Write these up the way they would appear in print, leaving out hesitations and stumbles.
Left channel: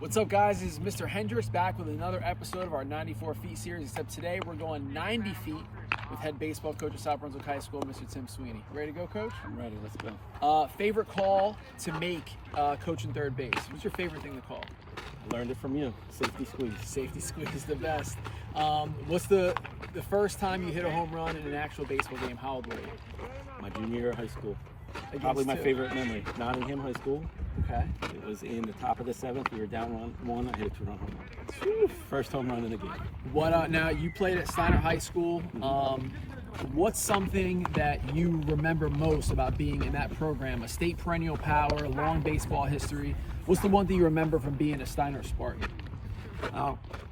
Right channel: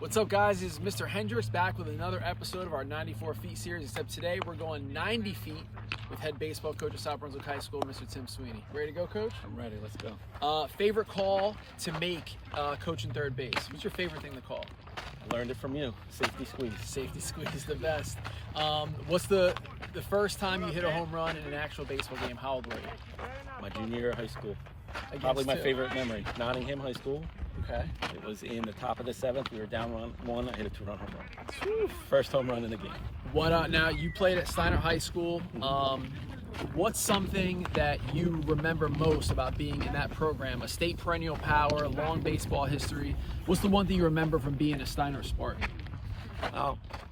What's up, guys? This is Mr. Hendricks back with another episode of our 94 Feet series, except today we're going 90 feet with head baseball coach of South Brunswick High School, Mr. Tim Sweeney. Ready to go, Coach? I'm ready. Let's go. Favorite call to make coaching third base? What's your favorite thing to call? I learned it from you. Safety squeeze. Safety squeeze, the best. What's the first time you hit a home run in an actual baseball game? How old were you? My junior year of high school. Against Probably my who? favorite memory. Nottingham High School. Okay. It was in the top of the seventh. We were down one. I hit a two-run home run. First home run in the game. What? Now you played at Steiner High School. What's something that you remember most about being in that program? A state perennial power, long baseball history. What's the one thing you remember from being a Steiner sport?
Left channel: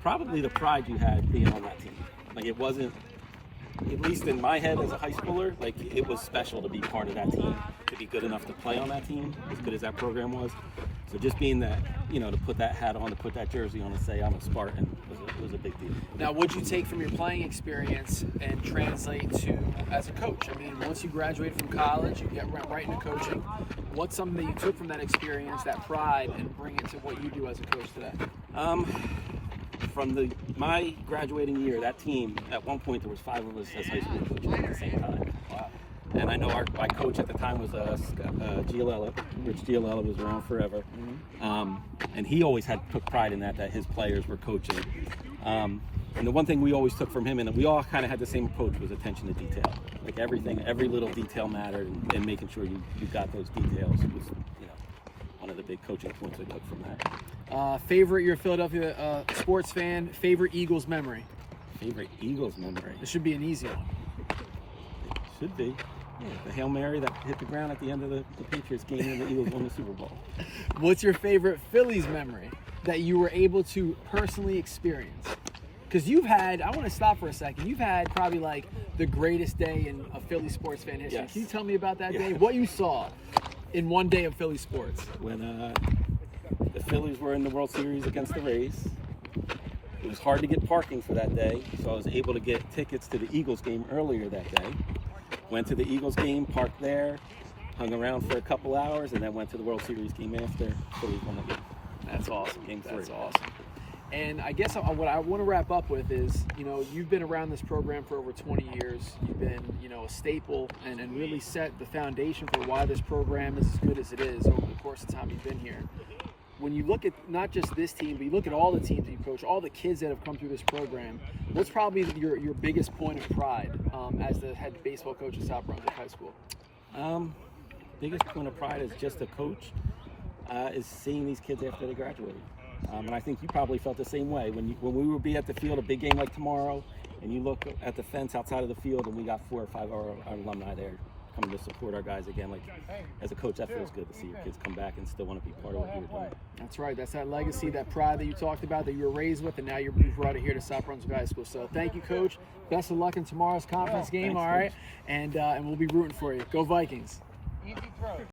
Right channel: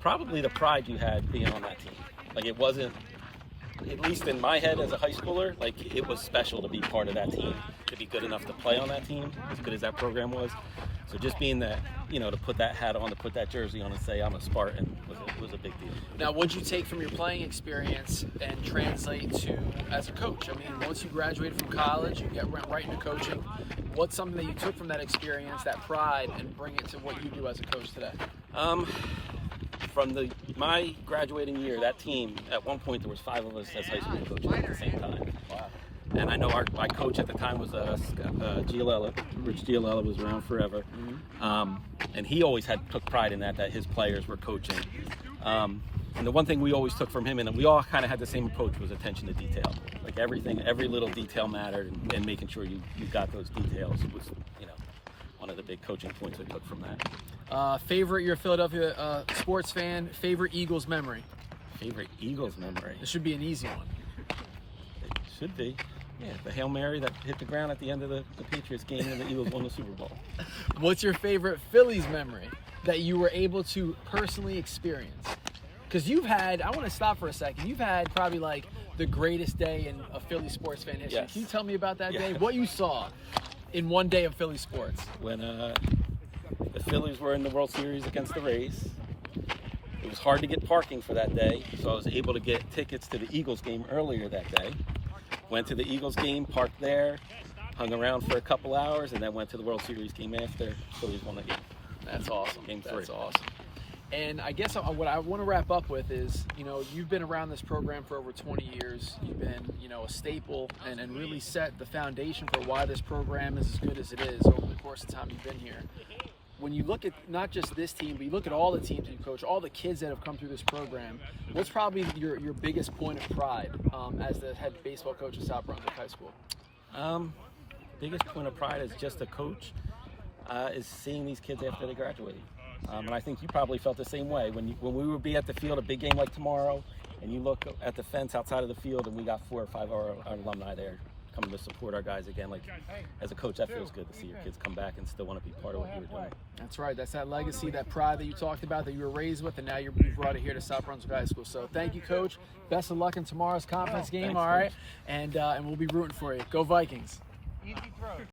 Probably the pride you had being on that team. Like, it wasn't, at least in my head as a high schooler, like, it was special to be part of that team, to be good enough to play on that team, as good as that program was. So just being that, to put that hat on, to put that jersey on and say I'm a Spartan was a big deal. Now, what'd you take from your playing experience and translate to as a coach? I mean, once you graduated from college, you get right into coaching. What's something that you took from that experience, that pride, and bring it to what you do as a coach today? From my graduating year, that team, at one point there was 5 of us as high school coaches at the same time. And I know my coach at the time was Giolella. Rich Giolella was around forever. And he always took pride in that his players were coaching. And the one thing we always took from him, and we all kind of had the same approach, was attention to detail. Like, every little detail mattered, and making sure you got those details was, one of the big coaching points I took from that. You're a Philadelphia sports fan, favorite Eagles memory? Favorite Eagles memory? This should be an easy one. It should be. Yeah, the Hail Mary that hit the ground at the end of the Patriots game and the Eagles won the Super Bowl. What's your favorite Phillies memory that you were able to personally experience? Because I want to stop for a second, you've had probably like the greatest day in a Philly sports fan history. Yes. Can you tell me about that day? What you saw in one day of Philly sports? When the Phillies were in the World Series against the Rays, it was hard to get parking for that day, so I was able to get tickets to the Eagles game earlier that day. Went to the Eagles game, parked there, hung around for a couple hours, and then went to the World Series game after. Phillies won the game. That's awesome. Game 3. That's awesome. And I guess what I want to wrap up with is, you've been around this program for over 20 years. You've been, a staple and really set the foundation for why this program is as good as it is over the course of the time you've been here. When you look at not just this team, but you look at all the teams you coach, all the kids that have come through this program, what's probably your biggest point of pride as the head baseball coach of South Brunswick High School? Biggest point of pride as just a coach is seeing these kids after they graduated. And I think you probably felt the same way. When we would be at the field, a big game like tomorrow, and you look at the fence outside of the field and we got 4 or 5 of our alumni there coming to support our guys again. Like, as a coach, that feels good to see your kids come back and still want to be part of what you were doing. That's right. That's that legacy, that pride that you talked about, that you were raised with, and now you've brought it here to South Brunswick High School. So thank you, Coach. Best of luck in tomorrow's conference game, Thanks, all right? And we'll be rooting for you. Go Vikings. Easy throw.